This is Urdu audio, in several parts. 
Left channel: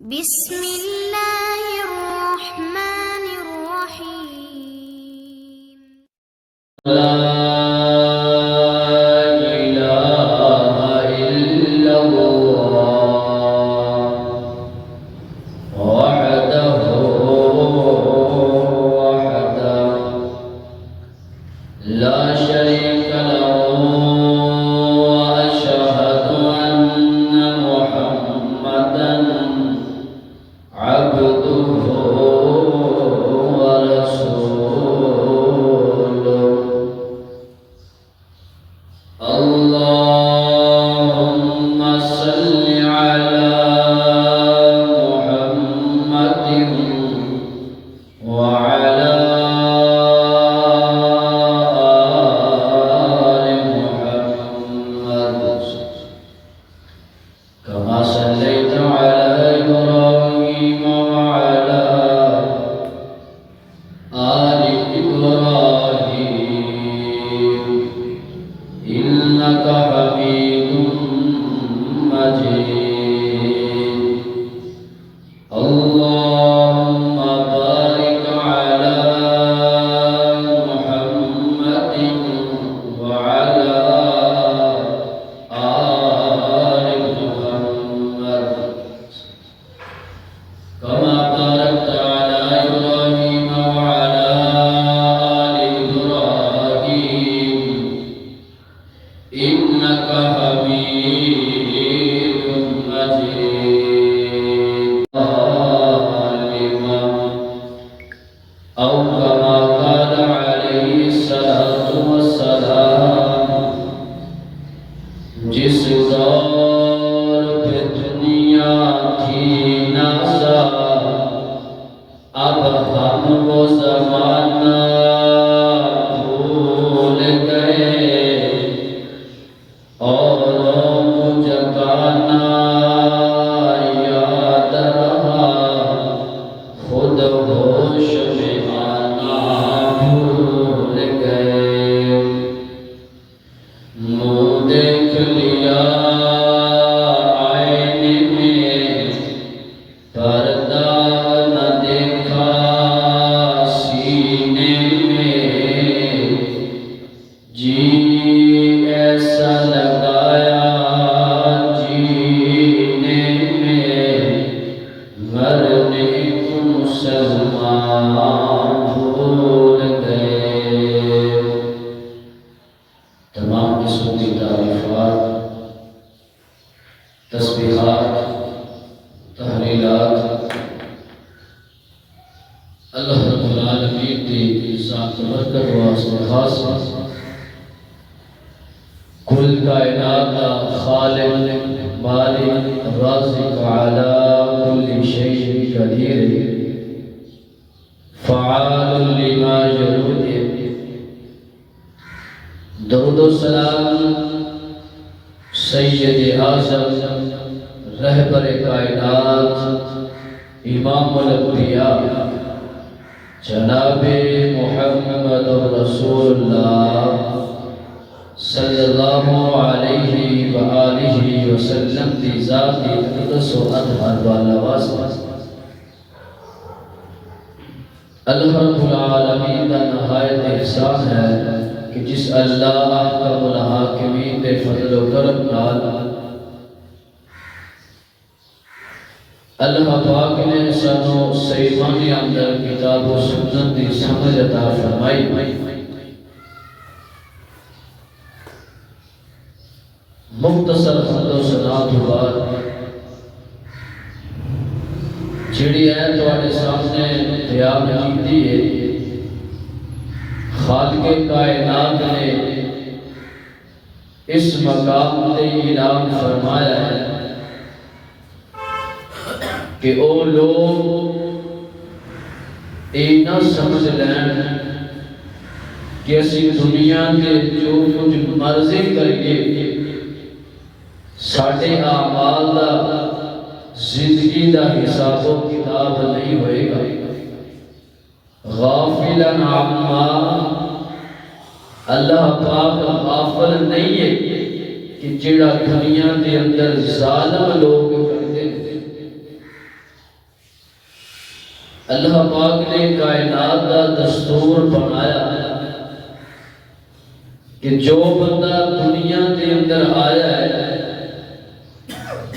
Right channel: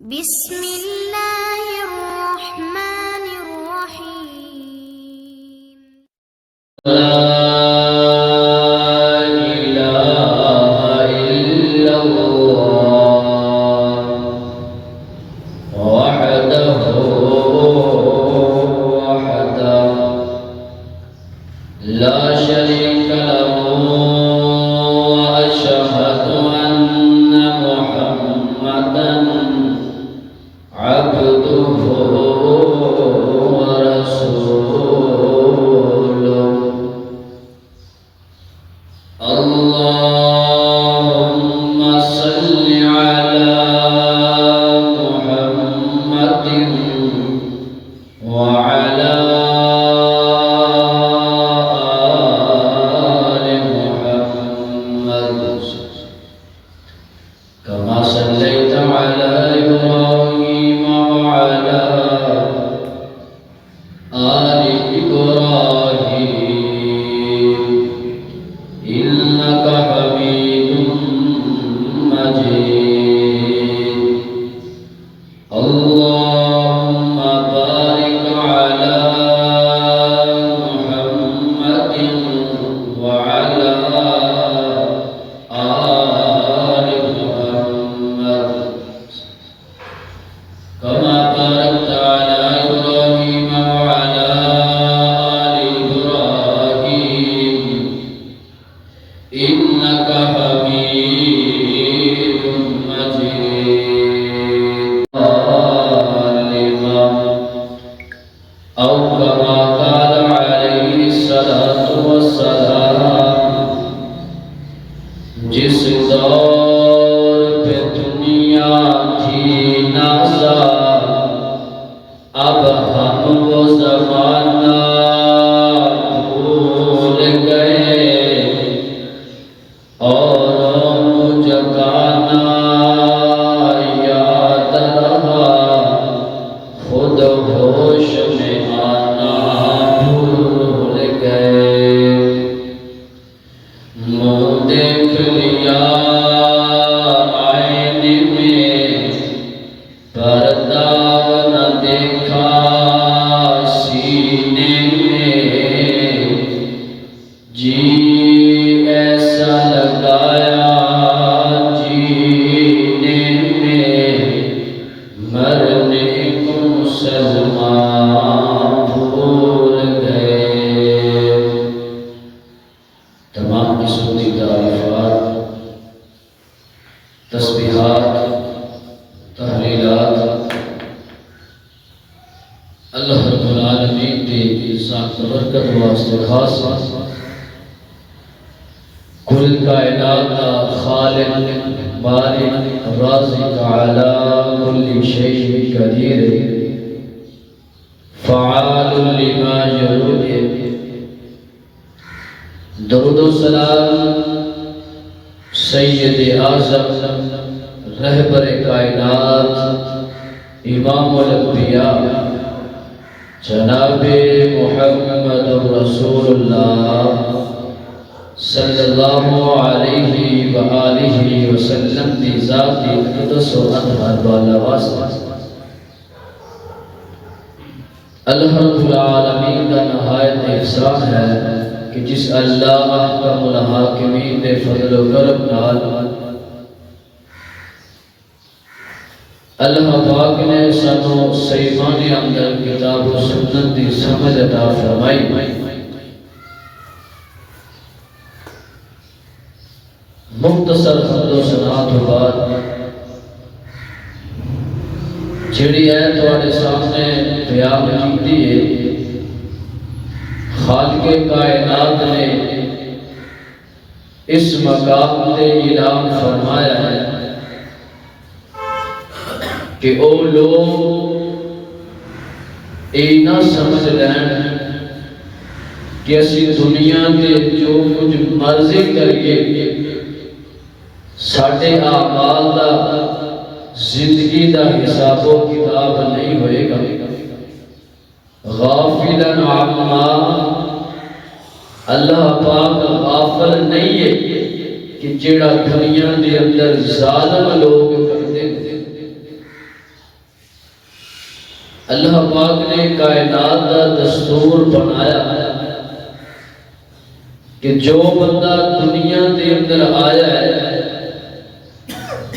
بسم اللہ الرحمن الرحیم لا إله إلا الله وحده لا شريك له وأشهد أن محمدا عبده ورسوله اللهم صل على محمد وعلى آل محمد كما صليت على إبراهيم وعلى آل إبراهيم إنك حميد مجيد اللهم بارك على محمد وعلى آل محمد كما باركت على إبراهيم وعلى آل إبراهيم إنك حميد مجيد أو كما قال عليه الصلاة والسلام جس دور پہ دنیا تھی نازا اب ہم وہ زمانہ بھول گئے اوروں کو جگانا یاد رہا خود ہوش میں آنا بھول گئے منہ دیکھ لیا آئینے میں پردہ نہ دیکھا سینے میں جی ایسا لگایا جینے میں مرنے کو مسلمان بھول گئے تمام قسم کی تعریفات تسبیحات تحلیلات اللہ رب العالمین کی ذات برکت واسطے خاص کل کائنات کا خالق باری رازق علی کل شیء قدیر فعال لما یرید درود و سلام سید اعظم رہبر کائنات امام الانبیاء جناب محمد رسول اللہ صلی اللہ علیہ وآلہ وسلم دی ذاتی قدس و اطہر والا واسطہ اللہ رب العالمین کا نہایت احسان ہے کہ جس اللہ احکم الحاکمین دے فضل و کرم نال اللہ پاک نے سانو صحیفانی اندر کتاب و سنت دی سمجھ عطا فرمائی مختصر حمد و ثنا تو بعد جڑی ہے تواڈے سامنے بیان کیتی ہے خالق کائنات نے اس مقام تے اعلان فرمایا ہے کہ او لوگ نہ سمجھ لین کہ اسی دنیا کے جو کچھ مرضی کریے ساڑھے اعمال دا زندگی دا حساب و کتاب نہیں ہوئے گا غافلاً عما اللہ پاک غافل نہیں ہے کہ جڑا دنیا دے اندر ظالم لوگ کرتے اللہ پاک نے کائنات کا دستور بنایا کہ جو بندہ دنیا دے اندر آیا ہے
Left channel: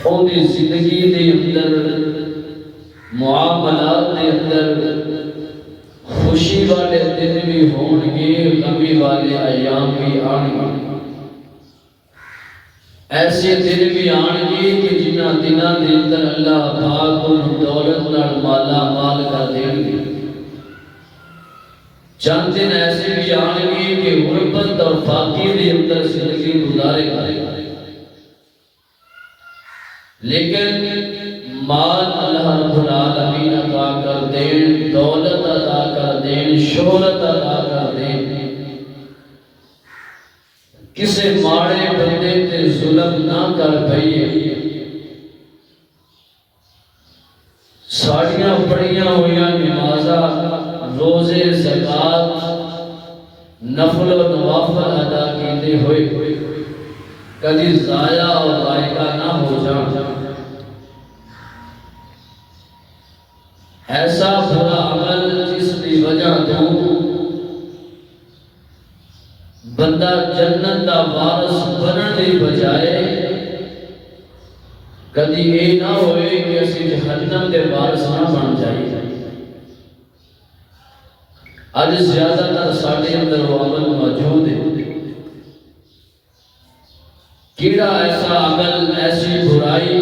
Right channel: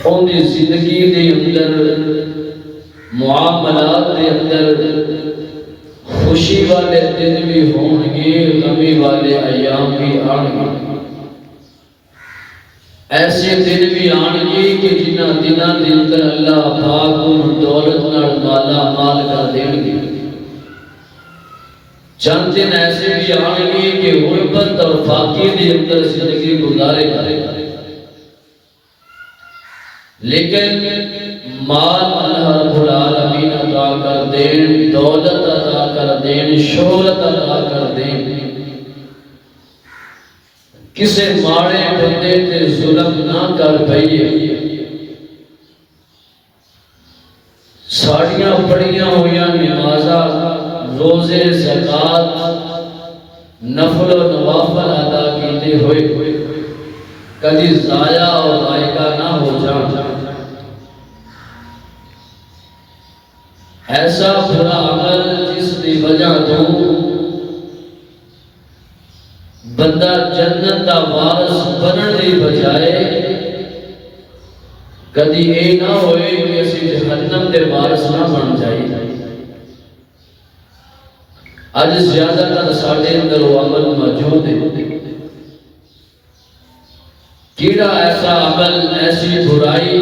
ان کی زندگی دے اندر معاملات دے اندر خوشی والے دن بھی ہون گے، غمی والے ایام بھی آن گے، ایسے دن بھی آن گے کہ جنہ دنوں دے اندر اللہ پاک ان دولت نال مالا مال کر دیں گے، چند دن ایسے بھی آن گے کہ غربت اور فاقے دے اندر زندگی گزارے گا، لیکن مال اللہ رب العالمین عطا کر دین، دولت عطا کر دین، شہرت عطا کر دین، کسے ماڑے بندے تے ظلم نہ کر پئیے، ساڑیاں پڑھیاں ہویاں نمازاں روزے زکات نفل و نوافل ادا کیتے ہوئے کبھی ضائع اور ذائقہ نہ ہو جان، ایسا برا عمل جس کی وجہ تو بندہ جنت کا وارث بننے کی بجائے کدی یہ نہ ہوئے کہ اسی جہنم کے وارث نہ بن جائے۔ آج زیادہ تر ساڑھے اندر وہ عمل موجود ہے، کیڑا ایسا عمل ایسی برائی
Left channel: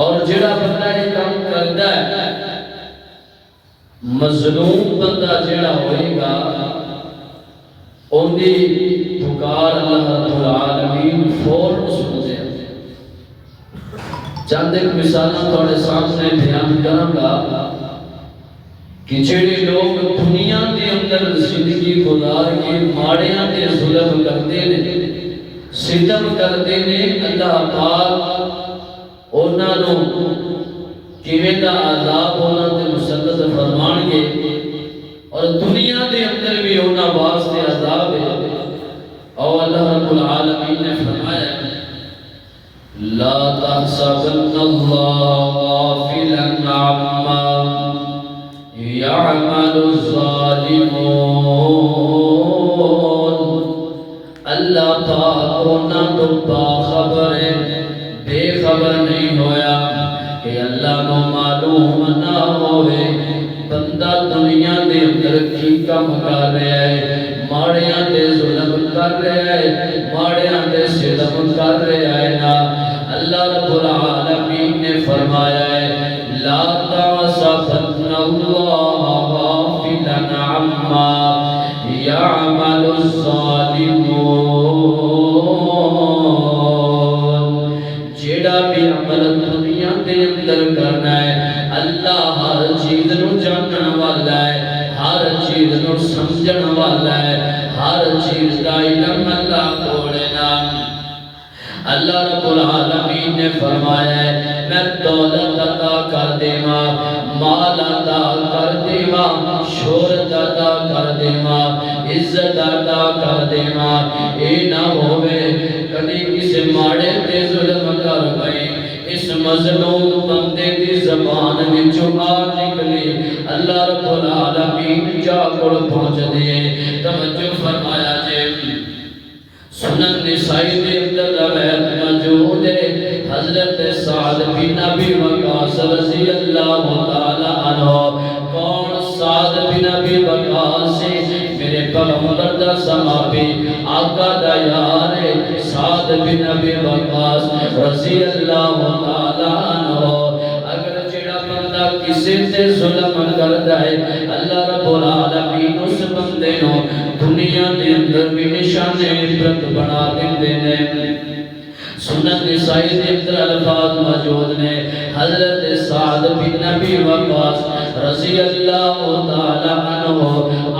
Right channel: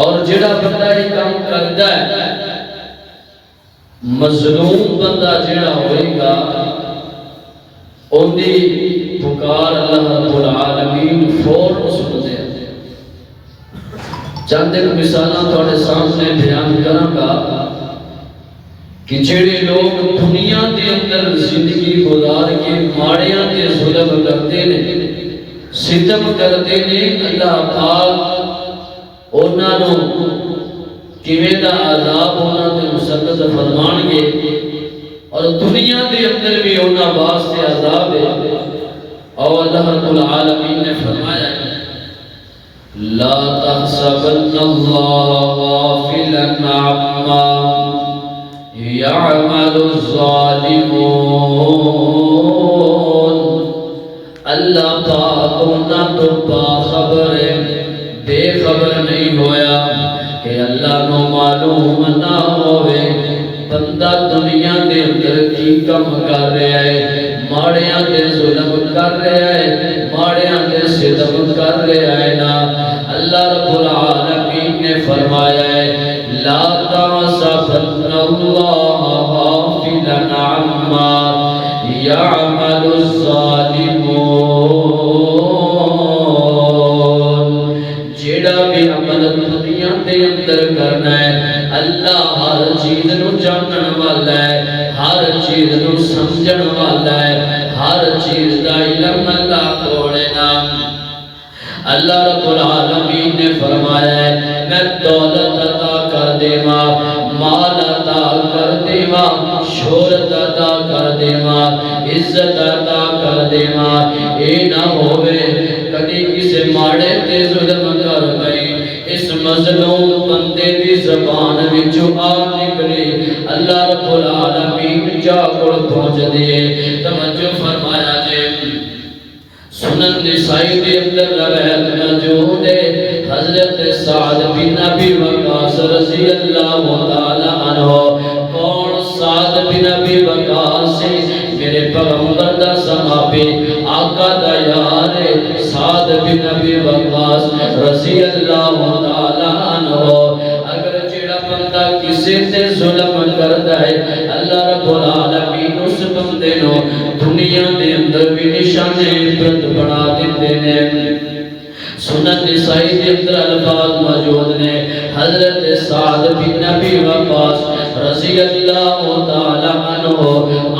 اور جڑا بندہ یہ کام کرتا ہے مظلوم بندہ جڑا ہوئے گا ان دی پکار اللہ رب العالمین فوراً سنتے ہیں۔ چند ایک مثالہ تھوڑے سامنے بیان کروں گا کہ جڑے لوگ دنیا دے اندر زندگی گزار کے ماڑیاں تے ظلم کرتے ہیں، ستم کرتے ہیں، اللہ پاک انہاں نو کیویں دا عذاب انہاں تے مسلط فرمان گے، اور دنیا دے اندر بھی انہاں واسطے عذاب ہے، اور اللہ رب العالمین نے فرمایا لا تحسبن اللہ غافلا عما يعمل الظالمون، اللہ پاک انہاں تو باخبر ہے، بے خبر نہیں ہویا کہ اللہ نو معلوم نہ ہوئے بندہ دنیا دے اندر کی کم کر رہا ہے، ماڑیاں دے ظلم کر رہا ہے، ماڑیاں دے ستم کر رہا ہے نا۔ اللہ رب العالمین نے فرمایا ہے لا تحسبن اللہ غافلا عما يعمل الظالمون، جیڑا بھی عمل دنیا دے اندر کرنا ہے اللہ ہر چیز نو جانن والا ہے، ہر چیز نو سمجھن والا ہے، ہر چیز دا علم اللہ کوڑے نا۔ اللہ رب العالمین نے فرمایا ہے میں دولت عطا کر دیواں، مال عطا کر دیواں، شہرت عطا کر دیواں، عزت عطا کر دیواں، اے نہ ہوئے کدی کسی ماڑے تے ظلم کر پئی اس مظلوم بندے دی زبان وچوں آ نکلی، اللہ رب العالمین جا کول پہنچ دیے۔ توجہ فرمایا جے سنن نسائی دے اندر روایت موجود ہے حضرت سعد بن ابی وقاص رضی اللہ تعالی عنہ، کون سعد بن ابی وقاص میرے پیغمبر دا صحابی آقا دا یار سعد بن ابی وقاص رضی اللہ تعالی عنہ، اگر جڑا بندہ کسی تے ظلم کرتا ہے اللہ رب العالمین اس بندے نو دنیا دے اندر بھی نشان عبرت بنا دیندے نے۔ سنن نسائی دے اندر الفاظ موجود نے حضرت سعد بن ابی وقاص رضی اللہ تعالی عنہ،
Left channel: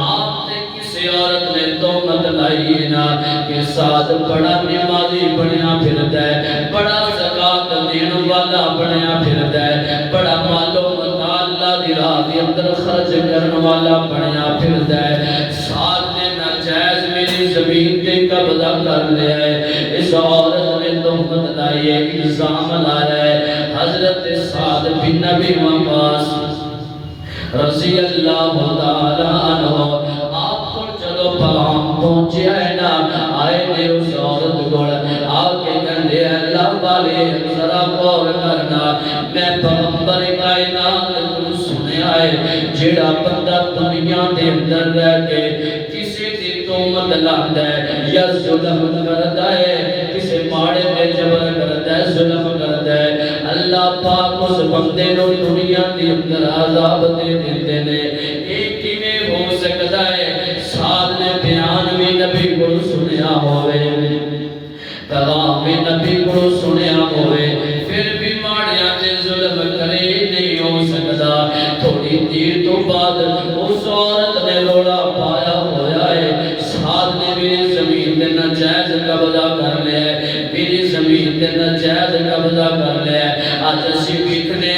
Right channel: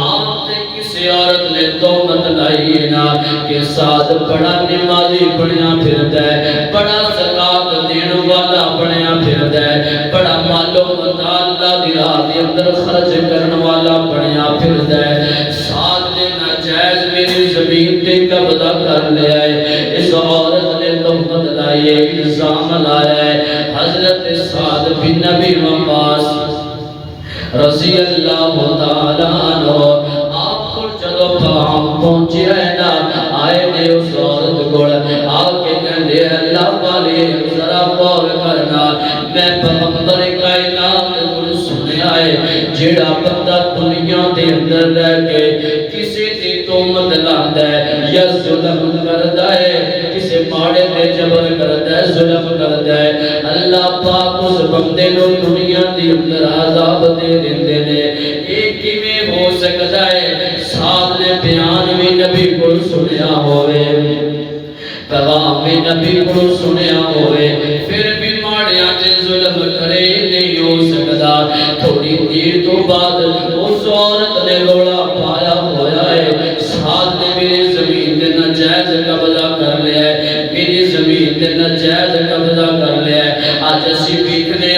آپ سے کسی عورت نے تہمت لائی ہے نا کہ سعد بڑا نمازی بنیا پھرتا ہے، بڑا زکات دین والا بنیا پھرتا ہے، بڑا مال و متا اللہ دی راہ دے اندر خرچ کرنے والا بنیا پھرتا ہے، سعد نے ناجائز میری زمین تے قبضہ کر لیا ہے، اس عورت نے تہمت لائی ہے، الزام لایا ہے۔ حضرت سعد بن ابی وقاص رضی اللہ تعالیٰ عنہ آپ کو چلو پیغام پہنچے نا آئے نے اس عورت کو آکے کہندے اللہ والے ذرا غور کرنا میں پیغمبر کائنات کو سنیا ہے جیڑا بندہ دنیا دے اندر رہ کے کسی دی تہمت لاتا ہے یا ظلم کرتا ہے کسی ماڑے تے جبر کرتا ہے ظلم کرتا ہے اللہ پاک اس بندے نو دنیا دی اندر عذاب دے دیندے نے یہ کیویں ہو سکتا ہے ساتھ نے بیان بھی نبی کو سنیا ہوئے پیغام بھی نبی کو سنیا ہوئے پھر بھی ماڑیاں تے ظلم کرے نہیں ہو سکتا تھوڑی دیر تو بعد اس عورت نے روڑا پایا ہوا ہے ساتھ نے میری زمین تے ناجائز قبضہ کر لیا ہے میری زمین تے ناجائز قبضہ کر لیا ہے آج اسی ویکھنے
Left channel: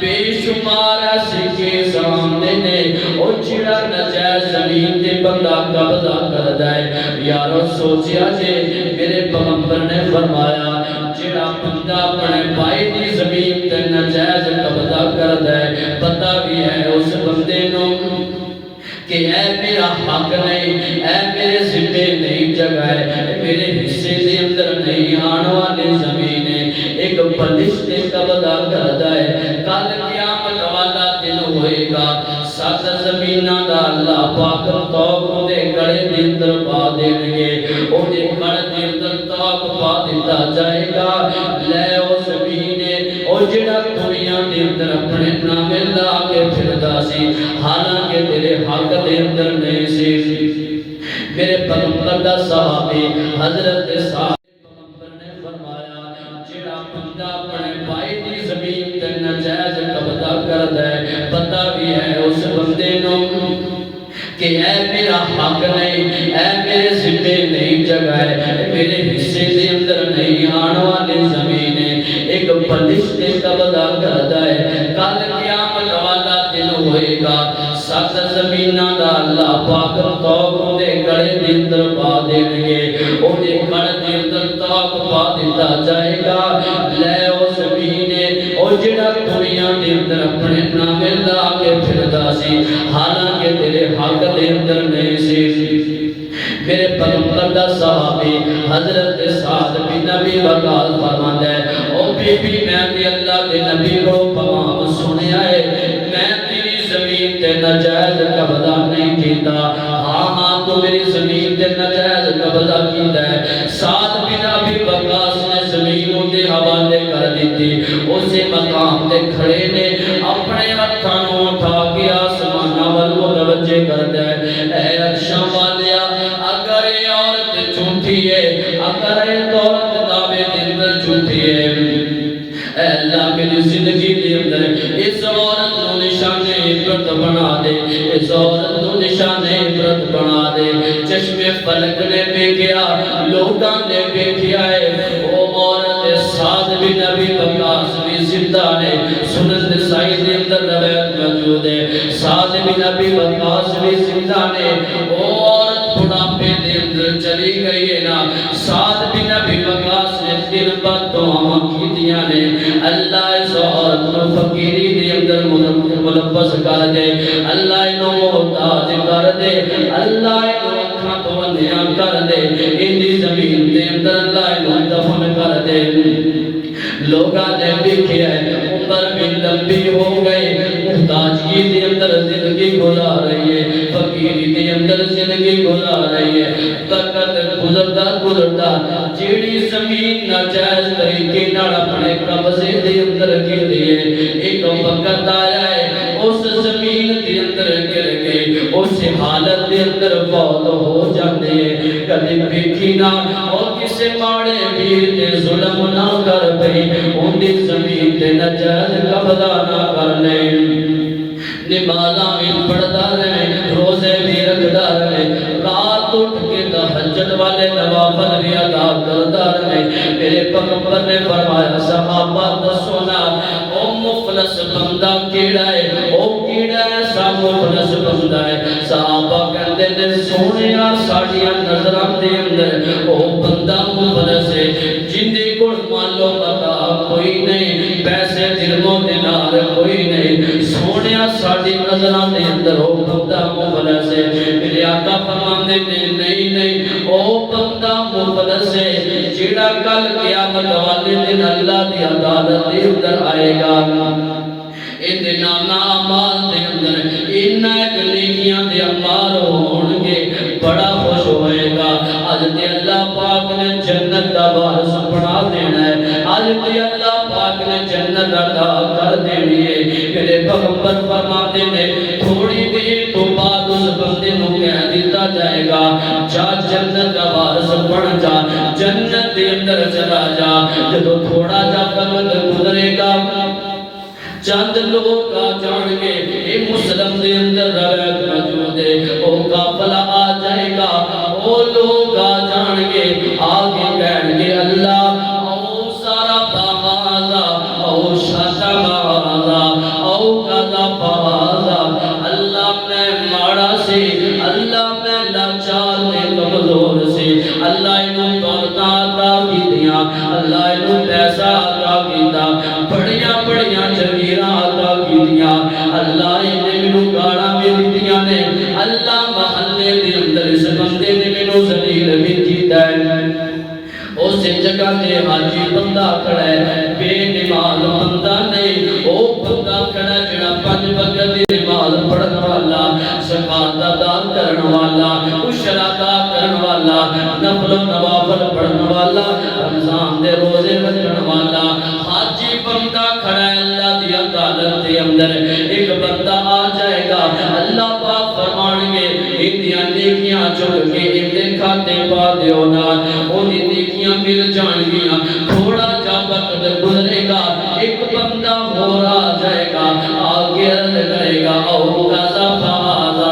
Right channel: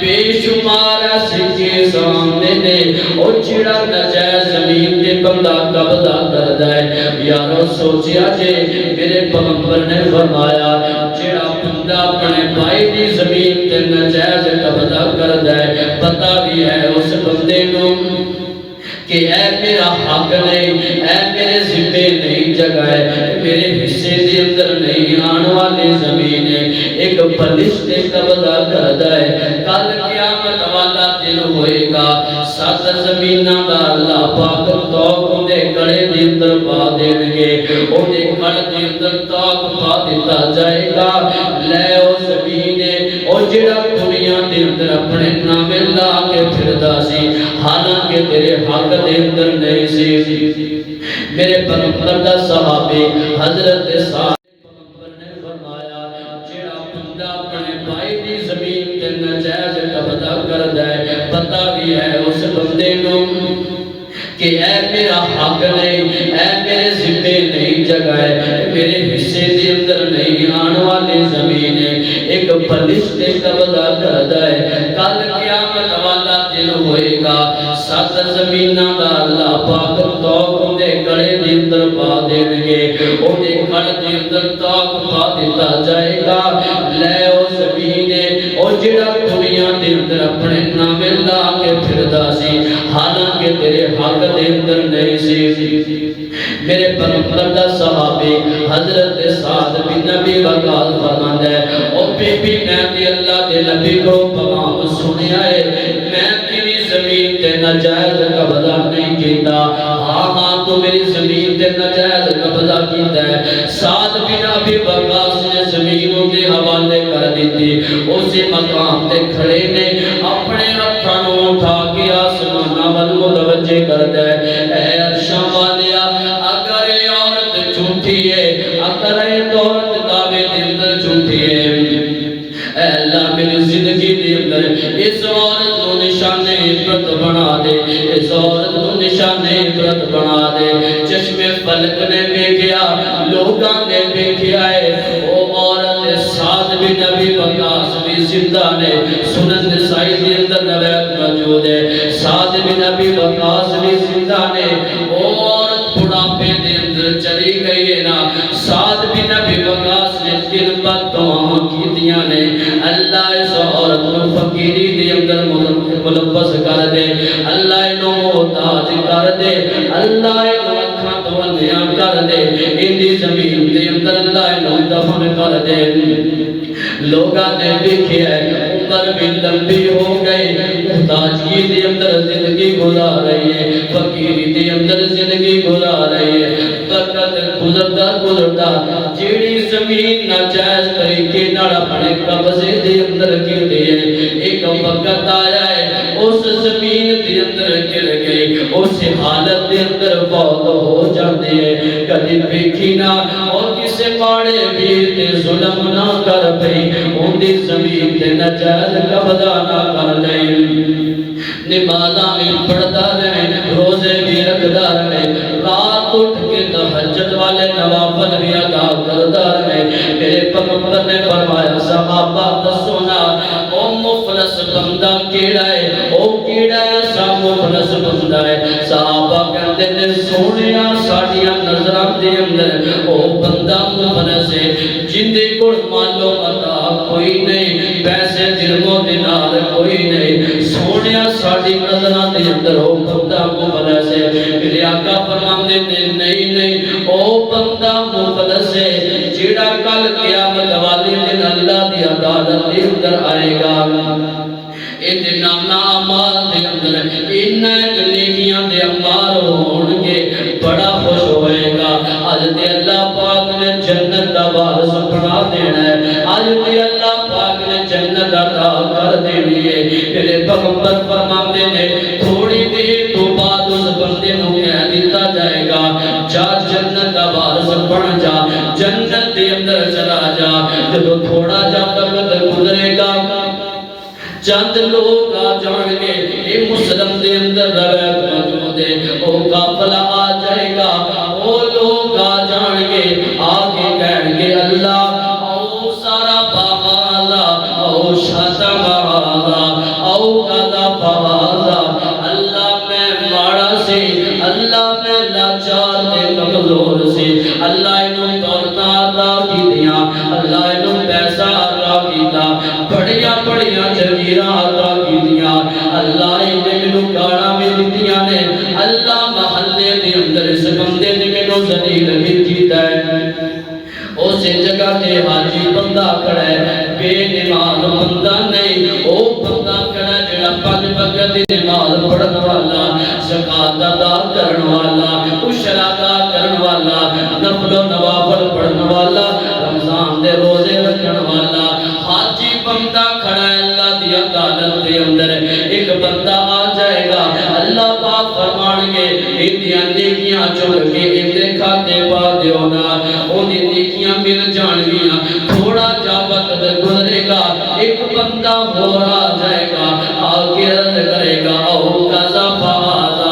بے شمار سکے سامنے نے اور جڑا ناجائز زمین تے بندہ قبضہ کردا ہے یارو سوچیا جے میرے پیغمبر نے فرمایا جڑا بندہ اپنے بھائی دی زمین تے ناجائز قبضہ کردا ہے پتہ بھی ہے اس بندے نو کہ اے میرا حق نہیں اے میرے ذمے نہیں جگہ ہے میرے حصے دے اندر نہیں آن والی زمین ہے ایک بلش تے قبضہ کردا ہے کل قیامت والا دن ہوئے گا سات زمیناں دا اللہ پاک توق دے گڑے دے اندر پا دیں گے او دے گڑ دے اندر توق پا دیتا جائے گا لے او زمینے او جڑا دنیا دے اندر اپنے نام لا کے پھردا سی حالانکہ تیرے حق دے اندر نہیں سی میرے پیغمبر دا صحابی حضرت صاحب پیغمبر نے فرمایا جڑا بندہ اپنے بھائی دی زمین تے ناجائز قبضہ کردا ہے پتہ بھی ہے اس بندے نو کہ اے میرا حق نہیں اے میرے ذمے نہیں جگہ ہے میرے حصے دے اندر نہیں آن والی زمین ہے ایک بلش تے قبضہ کردا ہے کل قیامت والا دن ہوئے گا سات زمیناں دا اللہ پاک توق دے گڑے دے اندر پا دیں گے او دے گڑ دے اندر توق پا دیتا جائے گا لے او زمینے او جڑا دنیا دے اندر اپنے نام لا کے پھردا سی حالانکہ تیرے حق دے اندر نہیں سی میرے پیغمبر دا صحابی حضرت سعد بن نبی وقال فرماتا ہے او بی بی میں تے اللہ دے نبی کو پیغام سنیا ہے میں تیری زمین تے ناجائز قبضہ نہیں کیتا ہاں تو میری زمین تے ناجائز قبضہ کیتا ہے سعد بن نبی وقاص نے زمینوں دے حوالے کر دیتی اسی مقام تے کھڑے نے اپنے ہتھاں نوں اٹھا کے آسماناں ول متوجہ کردا ہے اے عرشاں والیا اگر یہ عورت جھوٹی ہے اگر یہ عورت دعوے دے اندر جھوٹی ہے اے اللہ میری زندگی دے اندر اس عورت کو نشان عبرت بنا دے اس عورت کو نشان عبرت بنا دے چشم فلک نے دیکھیا لوگاں نے دیکھیا ہے وہ عورت سعد بن نبی وقاص بھی زندہ نے سنن نسائی دے اندر روایت موجود ہے سعد بن نبی وقاص بھی زندہ نے وہ عورت بڑھاپے دے اندر چلی گئی ہے نا سعد بن نبی وقاص نے دل پر دعا کیتیاں نے اللہ اس عورت کو فقیری دے اندر ملبس کر دے اللہ انہوں محتاج کر دے اللہ انہوں اکھاں تونیاں کر دے اندی زمین دے اندر اللہ انہوں دفن کر دے لوگاں نے دیکھے ہے عمر بھی لمبی ہو گئی محتاجی دے اندر زندگی گزار رہی ہے فقیری دے اندر زندگی گزار رہی ہے وقت گزرتا گزرتا جیڑی زمین ناجائز طریقے نال اپنے قبضے دے اندر گر رہی ہے ایک وقت آیا ہے اس زمین دے اندر گر گئی اس حالت دے اندر فوت ہو جاتے ہیں کبھی ویکھی نہ اور کسے ماڑے ویر تے ظلم نہ کر پئی ان دی زمین تے ناجائز قبضہ نہ کر لے نمازاں بھی پڑھتا رہے روزے بھی رکھتا رہے رات اٹھ کے تہجد والے نوافل بھی ادا کرتا رہے میرے پیغمبر نے فرمایا صحابہ دسونا او مفلس بندہ کیڑا ہے او کیڑا ہے سا مفلس بندہ ہے صحابہ کہتے نے سونیا ساڈیاں نظراں دے اندر او بندہ مفلس ہے جن دے کول مالو متا کوئی نہیں پیسے درم و دینار کوئی نہیں سونیا ساڈی نظر بندہ مخلص ہے جیڑا کل قیامت والے دن اللہ دی عدالت دے اندر آئے گا اے نانا اعمال دے اندر انہاں نیکیاں دے اعمال ہون گے بڑا خوش ہوئے گا اج تے اللہ پاک نے جنت دا وارث بنا دینا ہے اج تے اللہ پاک نے جنت عطا کر دینی ہے میرے پیغمبر فرماتے نے تھوڑی دیر تو بعد اس بندے نو کہہ دیتا جائے گا جا جنت دا وارث بن جا جنت دے اندر چلا جا جب تھوڑا جا وقت گزرے گا چند لوگ آ جان گے اے مسلم دے اندر روایت موجود ہے او قافلہ آ جائے گا او لوگ آ جان گے آگے کہیں گے اللہ او سارا بہالا او شاتا بہالا او قضا بہالا اللہ میں ماڑا سے اللہ میں لاچار میں کمزور سے اللہ انہوں دولتاں عطا کی دیا اللہ انہوں پیسہ عطا کیتا بڑیاں بڑیاں جگیراں عطا کی دیا اللہ نے منو گاڑاں بھی دیتیاں نے اللہ محلے دے اندر اس بندے نے منو ذلیل کر کیتا ہے اسے جگہ تے حاجی بندہ کھڑا ہے بے نماز بندہ نہیں او بندہ کھڑا جڑا پنج وقت دی نماز پڑھن والا زکات ادا کرن والا عشر ادا کرن والا نفل و نوافل پڑھن والا رمضان دے روزے رکھن والا حاجی بندہ کھڑا ہے اللہ دی عدالت دے اندر ایک بندہ آ جائے گا اللہ پاک فرمان گے ایدیاں نیکیاں چن کے ایدے کھاتے پا دیو نا اونی نیکیاں مل جان گیاں تھوڑا جا وقت گزرے گا ایک بندہ اور آ جائے گا آگے عرض کرے گا او قضا فہذا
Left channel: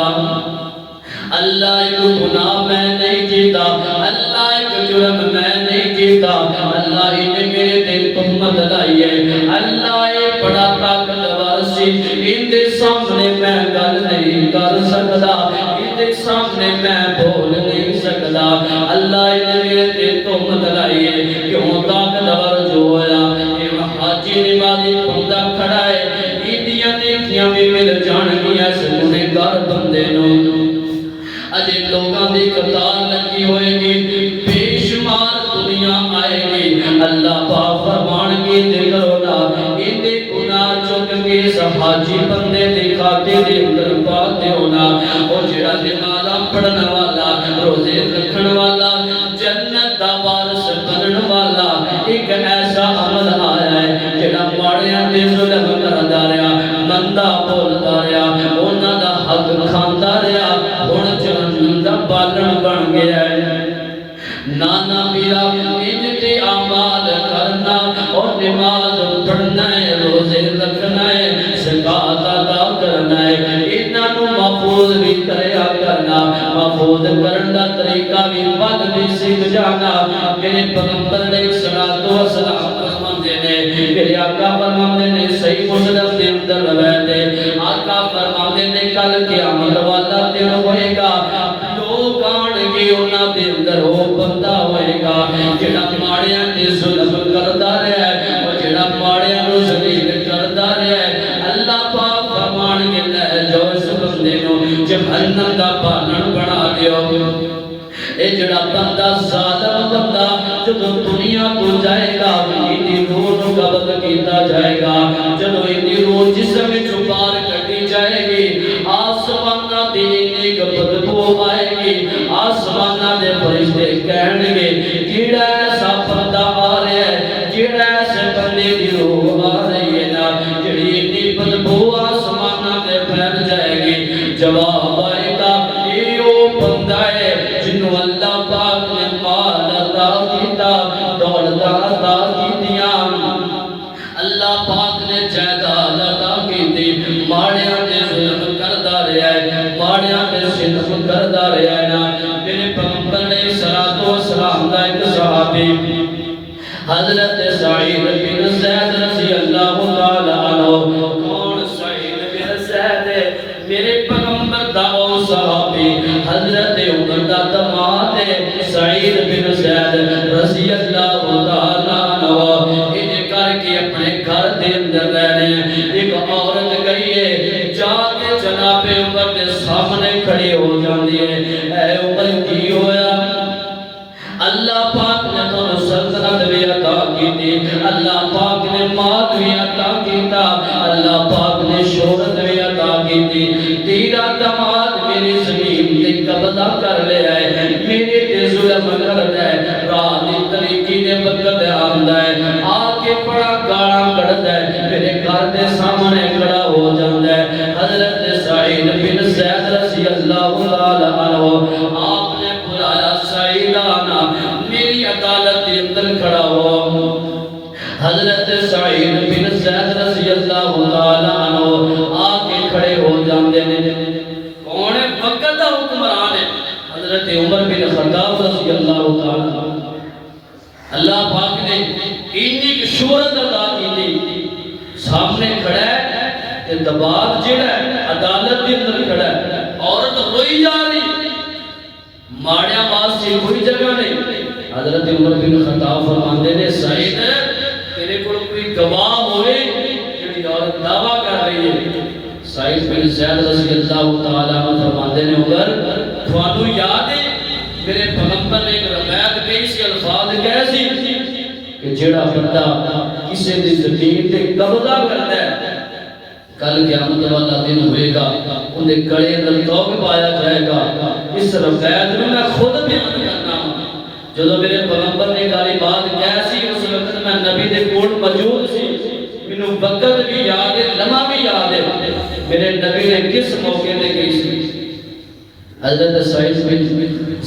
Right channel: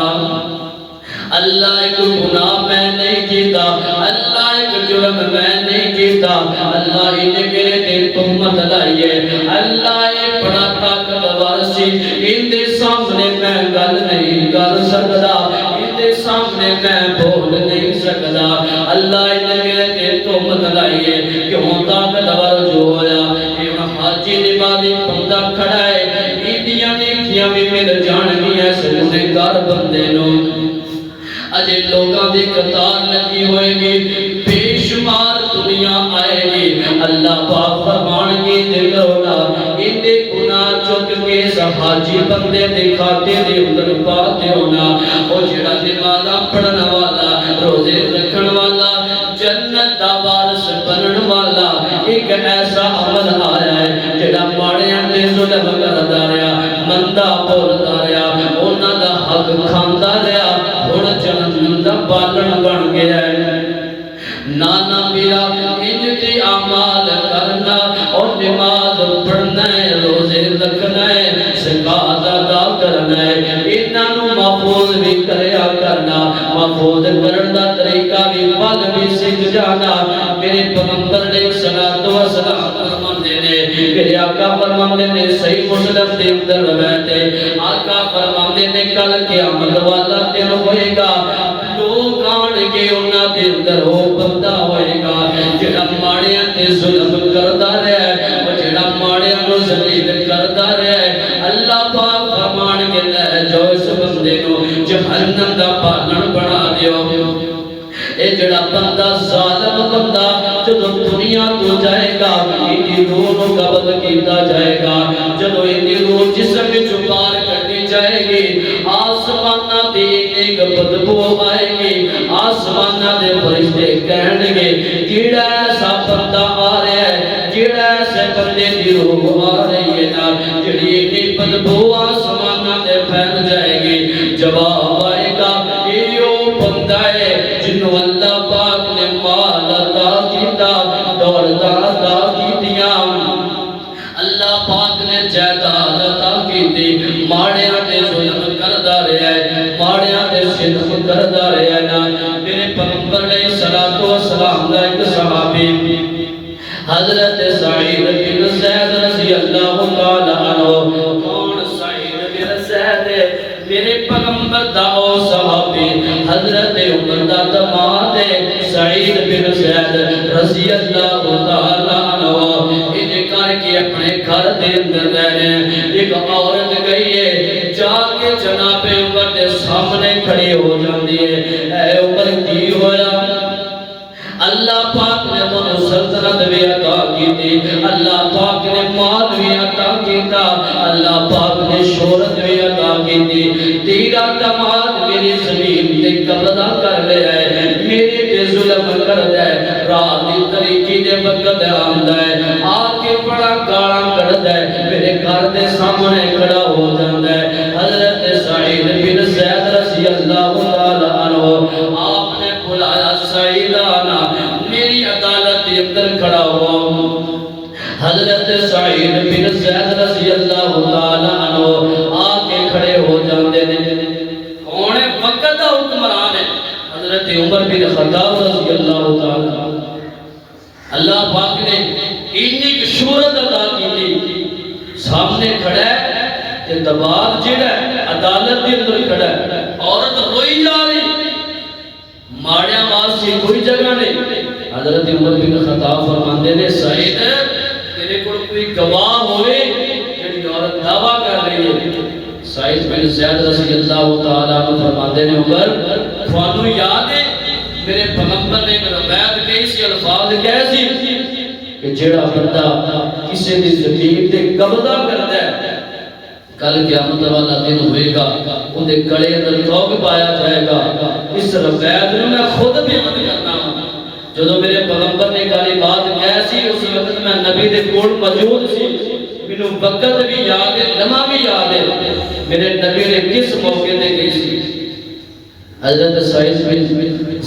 اللہ ایک گناہ میں نہیں کیتا اللہ ایک جرم میں نہیں کیتا اللہ انہیں میرے دل تہمت لائی ہے اللہ یہ بڑا طاقتور سی ان دے سامنے میں گل نہیں کر سکتا ان دے سامنے میں بول نہیں سکتا اللہ انہیں میرے دل تہمت لائی ہے کیوں طاقتور جو ہویا یہ حاجی نمازی بندہ کھڑا ہے ایدیاں نیکیاں بھی مل جان گیا سجنے گھر بندے نو اجے لوگاں دی قطار لگی ہوئے گی بے شمار دنیا آئے گی اللہ پاک فرمان گی دل رونا اندے گناہ چک کے حاجی بندے دے کھاتے دے اندر پاتے ہونا اور جڑا نمازاں پڑھن والا روزے رکھن والا جنت دا وارث بنن والا ایک ایسا عمل آ رہا ہے جڑا ماڑیاں تے ظلم کردا رہیا مندا بولدا رہیا انہاں دا حق کھاندا رہیا ہن جہنم دا بالن بن گیا ہے نانا میرا انتے اعمال کرنا اور نماز پڑھنا ہے روزے رکھنا ہے زکات ادا کرنا ہے انہاں نو محفوظ بھی کریا کرنا محفوظ کرن دا طریقہ بھی پل بھی سکھ جانا میرے پیغمبر نے صلوات و سلام فرماندے نے میرے آقا فرماندے نے صحیح مسلم دے اندر روایت ہے آقا فرماندے نے کل قیامت والا دن ہوئے گا لوگ آن گے انہاں دے اندر وہ بندہ ہوئے گا جڑا ماڑیاں تے ظلم کردا رہیا ہے اور جڑا ماڑیاں نو ذلیل کردا رہیا ہے اللہ پاک فرمان کے لے جو اس بندے نو جہنم دا بالن بنا دیو اے جڑا بندہ ظالم بندہ جدو دنیا تو جائے گا ایدی روح نو قبض کیتا جائے گا جدو ایدی روح جسم وچوں باہر کڈی جائے گی آسماناں تے ایک بدبو آئے گی آسماناں دے فرشتے کہن گے کیڑا ایسا بندہ آ رہا ہے کیڑا ایسے بندے دی روح آ رہی ہے نا جڑی اتنی بدبو آسماناں تے پھیل جائے گی جواب آئے گا یہ وہ بندہ ہے جنہوں اللہ پاک نے مال عطا کیتا دولت عطا کیتیاں اللہ پاک نے جائیداد عطا کیتی ماڑیاں تے ظلم کردا رہیا ہے ماڑیاں تے ستم کردا رہیا ہے نا میرے پیغمبر نے صلوات و سلام دا ایک صحابی حضرت سعید بن زید رضی اللہ تعالی عنہ کون سعید بن زید میرے پیغمبر دا او صحابی حضرت عمر دا دماد سعید بن زید رضی اللہ تعالی عنہ انہیں کر کے اپنے گھر دے اندر لے رہے ایک عورت گئی ہے جا کے جناب عمر دے سامنے کھڑی ہو جاندی ہے اے عمر کی ہویا اللہ پاک نے تو سلطنت بھی عطا کی تھی، اللہ پاک نے مال بھی عطا کیتا، اللہ پاک نے شہرت بھی عطا کی تھی، تیرا دماد میری زمین تے قبضہ کر لیا ہے، میرے تے ظلم کر دے، رات دی طریقی دے وقت آندا ہے، آ کے بڑا گالاں کڑدا ہے، میرے گھر دے سامنے کھڑا ہو جاندا ہے۔ حضرت سعید بن زید رضی اللہ تعالی عنہ آپ نے بلایا، سعید آنا میری عدالت کے اندر کھڑا ہو۔ حضرت سعید بن زید رضی اللہ تعالی عنہ آ کے کھڑے ہو جاندے نے۔ کون ہے؟ وقت دا حکمران ہے حضرت عمر بن خطاب رضی اللہ تعالی عنہ۔ اللہ پاک نے اتنی شہرت عطا کی تھی، سامنے کھڑا ہے کہ دباغ جڑا ہے عدالت کے اندر کھڑا ہے، عورت ہوئی جا رہی، ماڑیاں واسطے کوئی جگہ نہیں۔ حضرت عمر بن خطاب فرماندے نے سعید تیرے کول کوئی گواہ ہوئے جڑی عورت دعویٰ کر رہی ہے؟ سعید بن زید رضی اللہ تعالیٰ عنہ فرماندے نے عمر تھانوں یاد ہے میرے پیغمبر نے ایک روایت کہی سی، الفاظ کہے سی کہ جڑا بندہ کسی دی زمین تے قبضہ کرتا ہے کل قیامت والا دن ہوئے گا، ان دے گلے اندر توق پایا جائے گا۔ اس روایت نو میں خود بیان کرنا ہوں، جدو میرے پیغمبر نے کالی بات کہی سی اس وقت میں نبی دے کول موجود سی، مینوں وقت بھی یاد ہے، لمحہ بھی یاد ہے، میرے نبی نے کس موقع تے کہی سی۔ حضرت سعید بن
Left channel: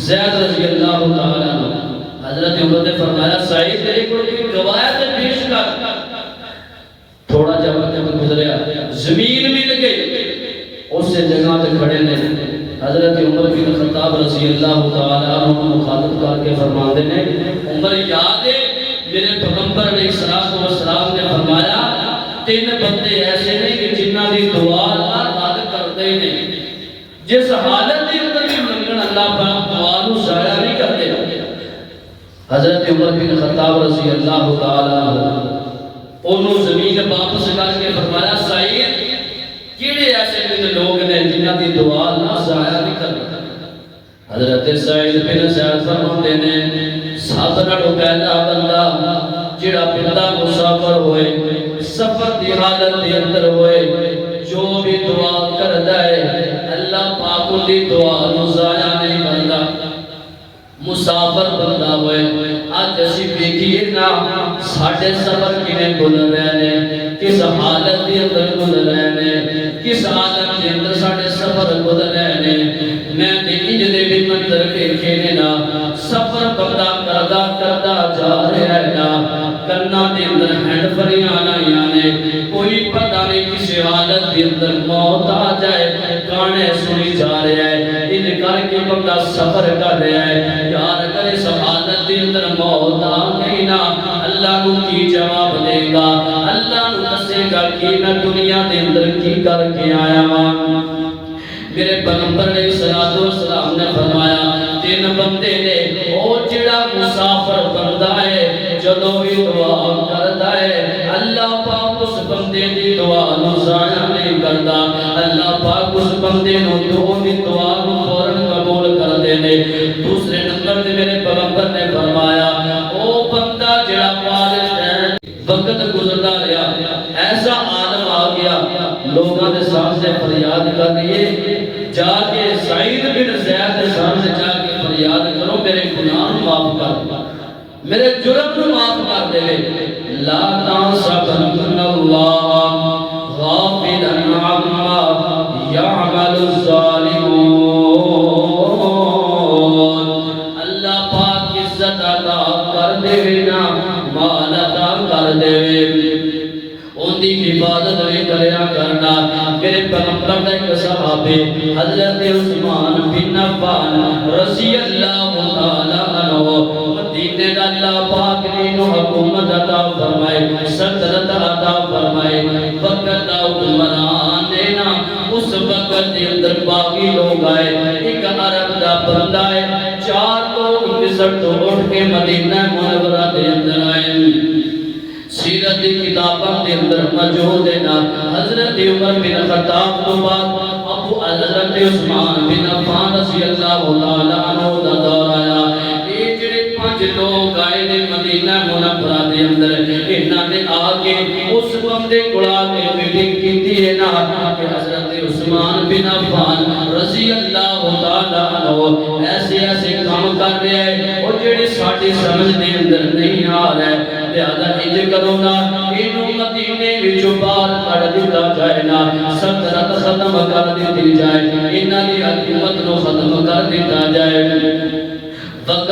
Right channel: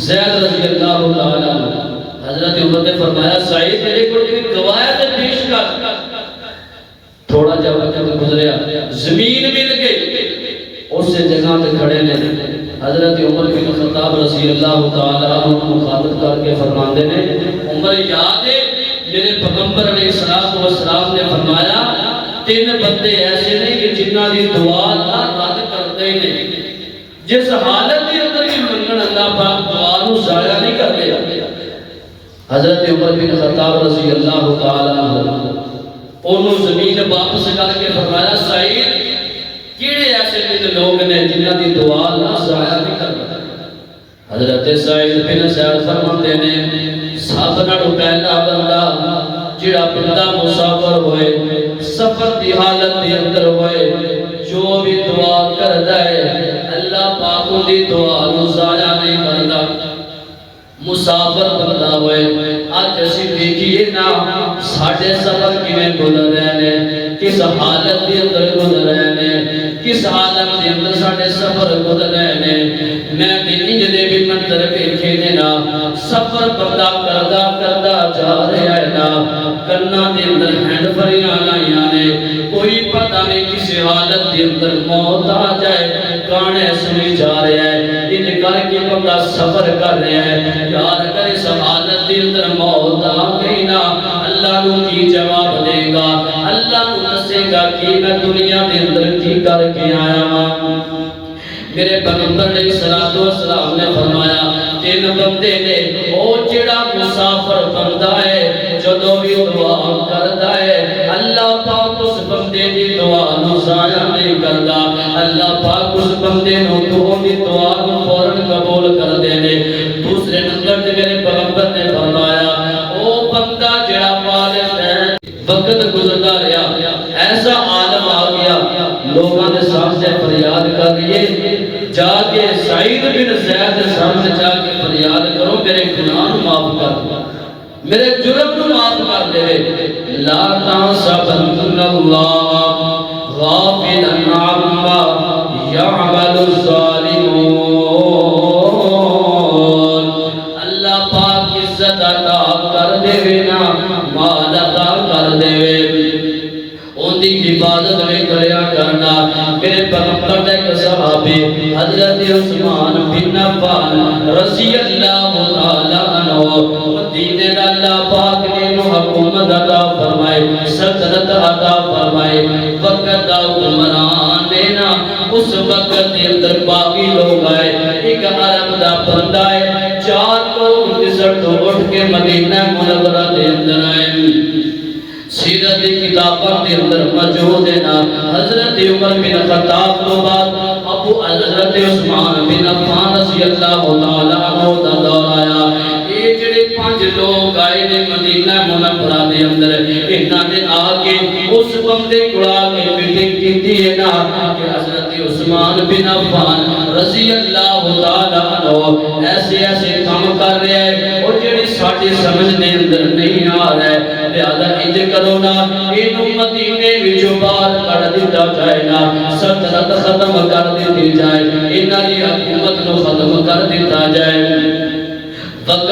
زید رضی اللہ تعالی عنہ حضرت عمر نے فرمایا سعید تیرے کول کوئی گواہ تے پیش کر۔ تھوڑا جا وقت گزریا، زمین مل گئی، اس جگہ تے کھڑے نے حضرت عمر بن خطاب رضی اللہ تعالی عنہ مخاطب کر کے فرماندے نے عمر یاد ہے میرے پیغمبر علیہ السلام نے فرمایا تین بندے ایسے نے کہ جنہاں دی دعا اللہ رد کردے ہی نہیں، جس حالت کے اندر بھی منگن اللہ پاک دعا نو ضائع نہیں کرتے۔ حضرت عمر بن خطاب رضی اللہ تعالی عنہ انہوں زمین واپس کر کے فرمایا سعید کیڑے ایسے دن لوگ نے جنہاں دی دعا اللہ ضائع نہیں کرتا؟ حضرت سعید بن زید فرماتے نے سب نالوں پہلا بندہ جڑا بندہ مسافر ہوئے، سفر دی حالت دے اندر ہوئے، جو بھی دعا کردا ہے اللہ پاک ان دی دعا نو ضائع نہیں کرتا۔ مسافر بندہ ہوئے، آج اسی دیکھئے نا ساڑھے سفر کینے گزر رہے ہیں، کس حالت دے اندر گزر رہے ہیں، کس حالت دے اندر ساڑھے سفر گزر رہے ہیں۔ میں دیکھی جدے بھی منظر دیکھے نا سفر بندہ کردہ جا رہا ہے نا، کرنا دے اندر ہینڈ فریانا یانے کوئی پتہ نہیں کسی حالت دے اندر موت آ جائے، گانے سنی جا رہے ہیں، ان کر کے بندہ سفر کر رہا ہے۔ یار اگر اس حالت دے اندر موت آ گئی نا اللہ نو کی جواب دے گا، اللہ نو دسے گا کہ میں دنیا دے اندر کی کر کے آیا ہوں۔ میرے پیغمبر علیہ السلام نے فرمایا تین بندے نے او جڑا مسافر بندہ ہے جدو بھی دعا کرتا ہے اللہ پاک اس بندے دی دعا نو ضائع نہیں کرتا، اللہ پاک اس بندے نو دی دعا نو فوراً قبول کر دینے۔ دوسرے نمبر تے میرے پیغمبر نے فرمایا او بندہ جڑا بالغ ہے، وقت گزرتا رہا، ایسا عالم آ گیا لوگوں نے سامنے فریاد کر دیے، جا کے سعید بن زید کے سامنے جا کے فریاد کرو میرے گناہ معاف کر، میرے جرم معاف کر دے۔ لا تحسبن اللہ غافلا عما یعمل الظالمون، اللہ پاک عزت عطا کر دے نا، مال عطا کر دے، ان دی حفاظت بھی کریا کرنا۔ میرے پیغمبر نے ایک صحابی حضرت عثمان بن عفان رضی اللہ تعالی عنہ مدینے دا اللہ پاک نے حکومت عطا فرمائے، سلطنت عطا فرمائے، وقت دا حکمران دینا اس وقت کے اندر باقی لوگ آئے، ایک عرب دا بندہ ہے، 4 لوگ مصر تو اٹھ کے مدینہ منورہ دے اندر آئے، سیرت کتابوں کے اندر موجود ہے نا حضرت عمر بن خطاب کو بعد ابو حضرت عثمان بن عفان رضی اللہ تعالی عنہ دا دور آیا۔ یہ جڑے 5 لوگ آئے نے مدینہ منورہ دے اندر انہاں نے آ کے اس بندے کو آ کے میٹنگ کیتی ہے نا کہ حضرت عثمان بن عفان رضی اللہ تعالیٰ عنہ ایسے ایسے کام کر رہے ہیں اور جڑے ساڈے سمجھ دے اندر نہیں آ رہا ہے لہذا انج کرو نا اینو مدینے وچوں باہر کڈ دتا جائے نا سلطنت ختم کر دی جائے انہاں دی حکومت نو ختم کر دتا جائے وقت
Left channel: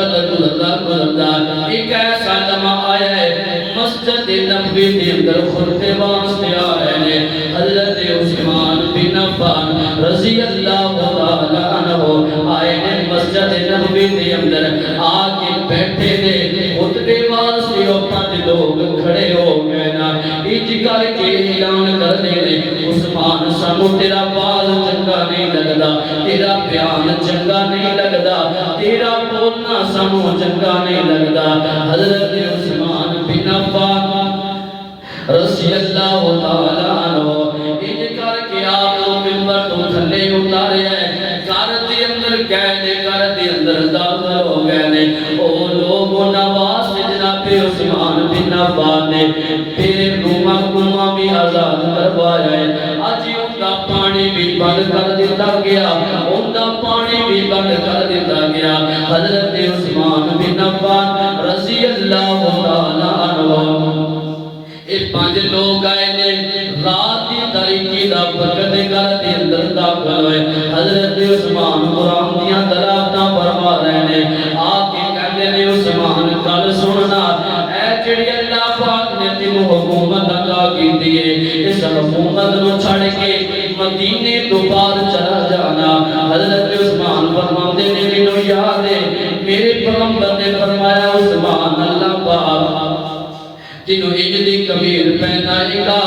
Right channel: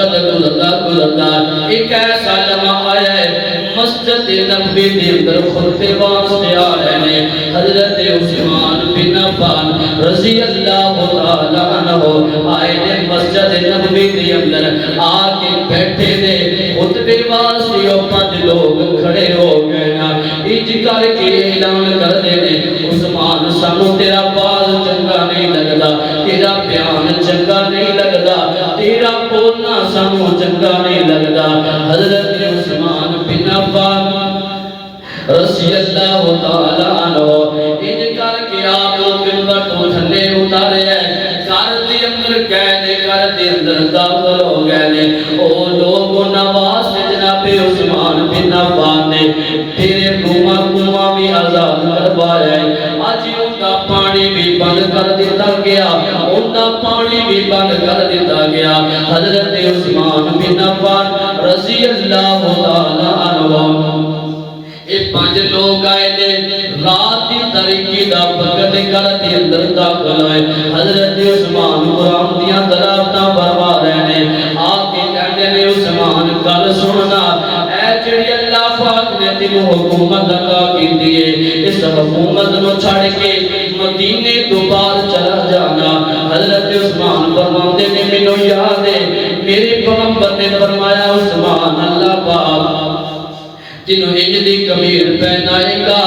گزرتا ایک ایسا لمحہ آیا ہے مسجد نبوی دے اندر خطبے واسطے آئے نے حضرت عثمان بن عفان رضی اللہ تعالیٰ عنہ آئے نے مسجد نبوی دے اندر آ کے بیٹھے نے خطبے واسطے اور 5 لوگ کھڑے ہو گئے نا اج کر کے اعلان کر دے نے عثمان سانو تیرا باز چنگا نہیں لگدا تیرا بیان چنگا نہیں لگدا تیرا بولنا سانو چنگا نہیں لگدا حضرت عثمان بن عفان رضی اللہ تعالیٰ عنہ ان کر کے آپ ممبر تو تھلے اتارے ہیں گھر دے اندر گئے نے گھر دے اندر داخل ہو گئے نے او لوگوں نواز سے جناب عثمان بن عفان نے تیرے کنواں بھی آزاد کروایا ہے آج ان کا پانی بھی بند کر دیتا گیا ان کا پانی بھی بند کر دیتا گیا حضرت عثمان بن عفان رضی اللہ تعالیٰ عنہ یہ 5 لوگ آئے نے رات کی تاریکی دا وقت گھر کے اندر داخل ہوئے حضرت عثمان قرآن دیاں دلالتاں فرما رہے نے آ کے کہتے نے عثمان کل سننا اے جڑی اللہ پاک نے تینوں حکومت عطا کیتی ہے اس حکومت نو چھڑ کے مدینے تو باہر چلا جانا حضرت عثمان فرماتے نے مینوں یاد ہے میرے پیغمبر نے فرمایا عثمان اللہ پاک جنہوں اجلی کمیر پہنائے گا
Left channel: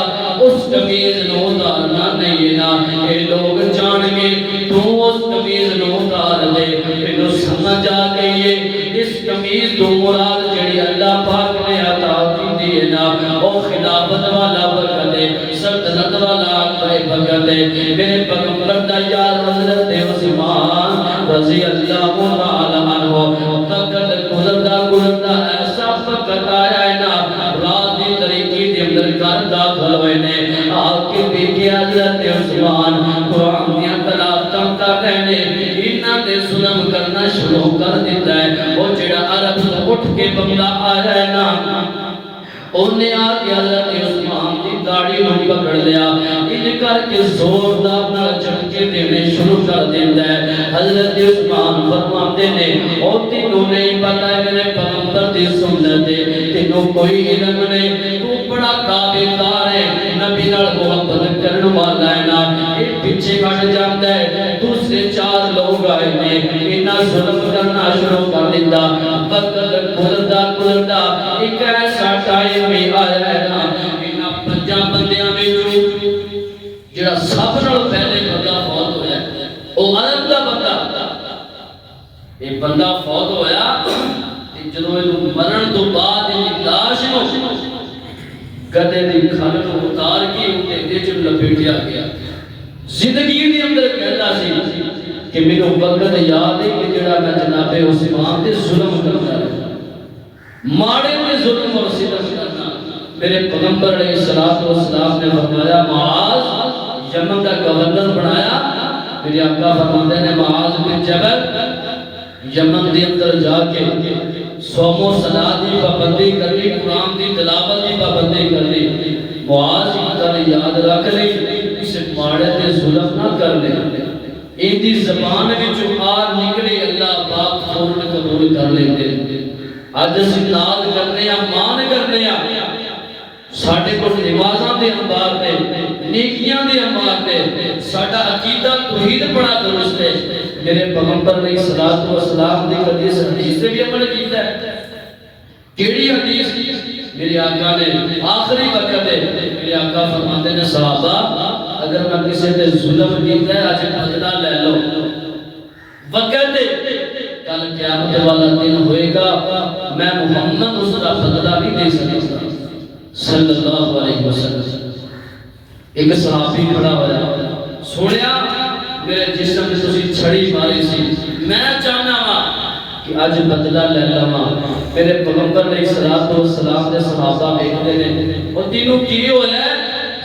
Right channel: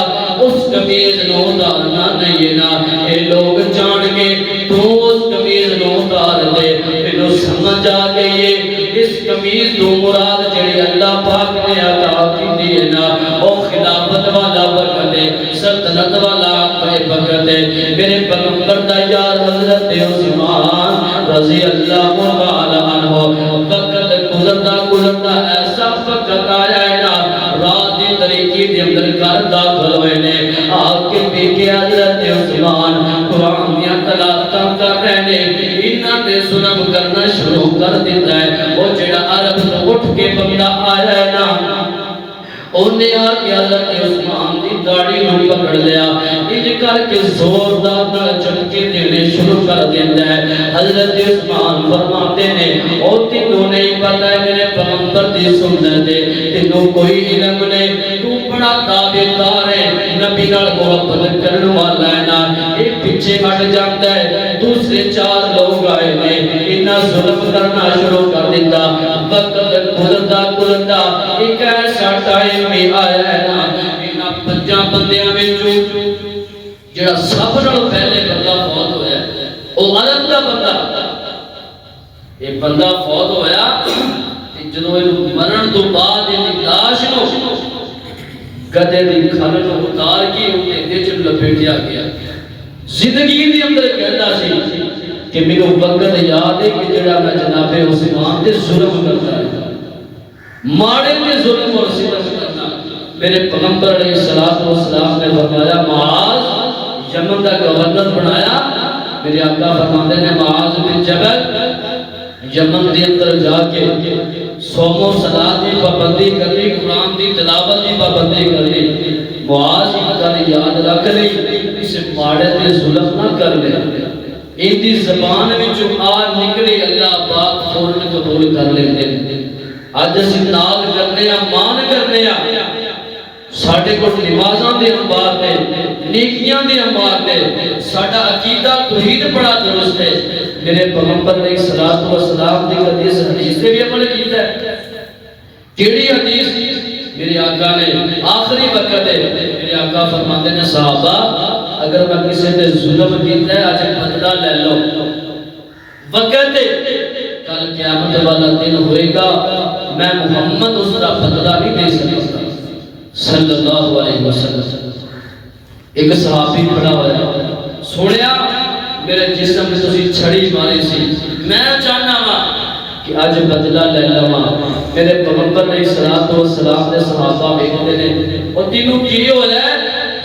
اس کمیر نو اتارنا نہیں نا اے لوگ جان گے تو اس کمیر نو اتار دے انہوں سمجھ آ گئی اس کمیر تو مراد جڑی اللہ پاک نے عطا کی دیئے نا او خلافت والا برکت ہے سلطنت والا برکت ہے میرے پیغمبر دا یار حضرت عثمان رضی اللہ تعالیٰ عنہ وقت گزرتا ایسا وقت آیا ہے نا رات دی طریقی دے اندر گھر داخل ہوئے نے آگ کے بیٹے حضرت عثمان قرآن دیاں تلاوتاں کر رہے نے انہاں نے ظلم کرنا شروع کر دیتا ہے وہ جڑا عرب سے اٹھ کے بندہ آیا ہے نا انہیں آ کے حضرت عثمان دی داڑھی نو پکڑ لیا انج کر کے زوردار نال جھٹکے دینے شروع کر دیتا ہے حضرت عثمان فرماتے نے او تینوں نہیں پتہ ہے میرے پیغمبر دی سنت ہے تینوں کوئی علم نہیں تو بڑا تابعدار ہے نبی نال محبت کرن والا ہے نا ایک پیچھے ہٹ جاندا ہے دوسرے 4 لوگ آئے نے انہاں ظلم کرنا شروع کر دیتا وقت گزرتا ایک ایسا ٹائم بھی آیا ہے نا انہاں 5 بندیاں وچوں جڑا سب نال پہلے بندہ فوت ہویا او عرب دا بندہ یہ بندہ فوت ہویا تے جدوں اینو مرن تو بعد دی لاش نو گدے دی کھل نو اتار کے اوتے وچ لپیٹیا گیا زندگی دے اندر کہندا سی کہ میرے وقت یاد ہے کہ جڑا میں جناب عثمان تے ظلم کرتا ہے ماڑے تے ظلم اور ستم کرنا میرے پیغمبر علیہ الصلوۃ والسلام نے فرمایا معاذ یمن دا گورنر بنایا میرے آقا فرماتے ہیں معاذ بن جبل یمن دے اندر جا کے صوم و صلاۃ دی پابندی کرنی قرآن دی تلاوت دی پابندی کرنی معاذ کا یاد رکھ لے اسے ماڑے تے ظلم نہ کر لے ان دی زبان وچوں آ نکلی اللہ پاک فوراً قبول کر لیندے اج اسی ناز کرنے مان کرنے ساڈے کول نمازاں دے انبار نے نیکیاں دے انبار نے ساڈا عقیدہ توحید بڑا درست ہے میرے پیغمبر علیہ الصلوۃ والسلام دی حدیث سے بھی عمل کیتا ہے کیڑی حدیث میرے آقا نے آخری وقت ہے میرے آقا فرماتے ہیں صحابہ اگر میں کسی تے ظلم کیتا ہے اج بدلہ لے لو وقت ہے کل قیامت والا دن ہوئے گا میں محمد اس کا بدلہ نہیں دے سکتا صلی اللہ علیہ وسلم ایک صحابی کھڑا ہوا سنیا میرے جسم سے تسی چھڑی ماری سی میں چاہنا وا کہ اج بدلہ لے لواں میرے پیغمبر علیہ الصلوۃ والسلام دے صحابہ بیٹھے نے او تینوں کی ہویا ہے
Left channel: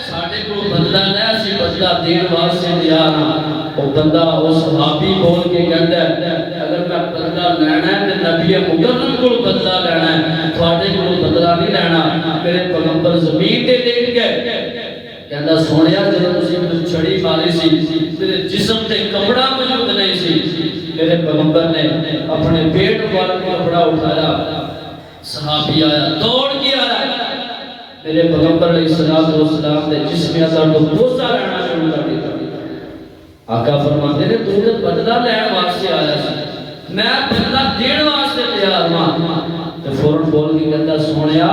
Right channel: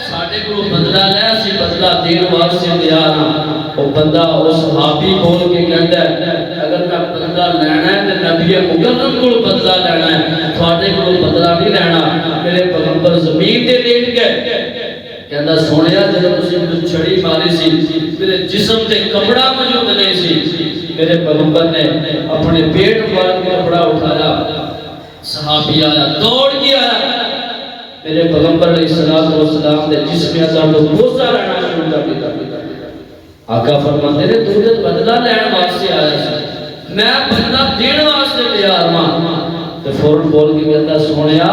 ساڈے کول بدلہ لے اسی بدلہ دین واسطے تیار ہاں او بندہ او صحابی بول کے کہندا ہے اگر میں بدلہ لینا ہے تے نبی مکرم کول بدلہ لینا ہے تواڈے کول بدلہ نہیں لینا میرے پیغمبر زمین تے لیٹ گئے کہندا سونیا جدوں تسی چھڑی ماری سی میرے جسم تے کپڑا موجود نہیں سی میرے پیغمبر نے اپنے پیٹ پر کپڑا اٹھایا صحابی آیا دوڑ کے آیا میرے پیغمبر علیہ الصلوۃ والسلام نے جسم اعظم کو بوسا لینا شروع کر دیا آقا فرماتے نے تو نے بدلہ لین واسطے آیا سی میں بدلہ دین واسطے تیار ہاں تے فوراً بول کے کہتا سونیا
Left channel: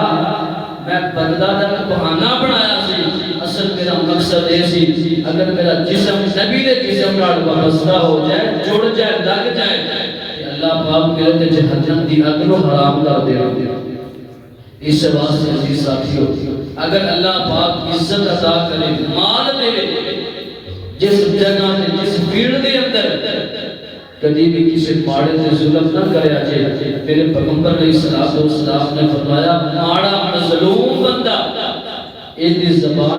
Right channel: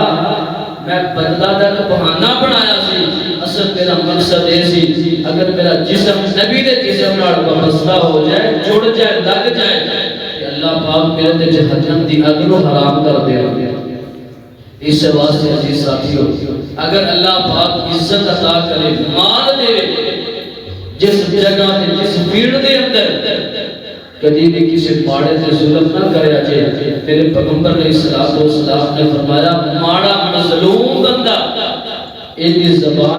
میں بدلہ دا بہانہ بنایا سی اصل میرا مقصد یہ سی اگر میرا جسم نبی دے جسم نال وابستہ ہو جائے جڑ جائے لگ جائے کہ اللہ پاک میرے تے جہنم دی اگلو حرام کر دے اس واسطے عزیز ساتھیو اگر اللہ پاک عزت عطا کرے مال دے جس جگہ تے جس فیلڈ دے اندر کبھی بھی کسی ماڑے تے ظلم نہ کریا جائے میرے پیغمبر علیہ الصلوۃ والسلام نے فرمایا ماڑا مظلوم بندہ ان دی زبان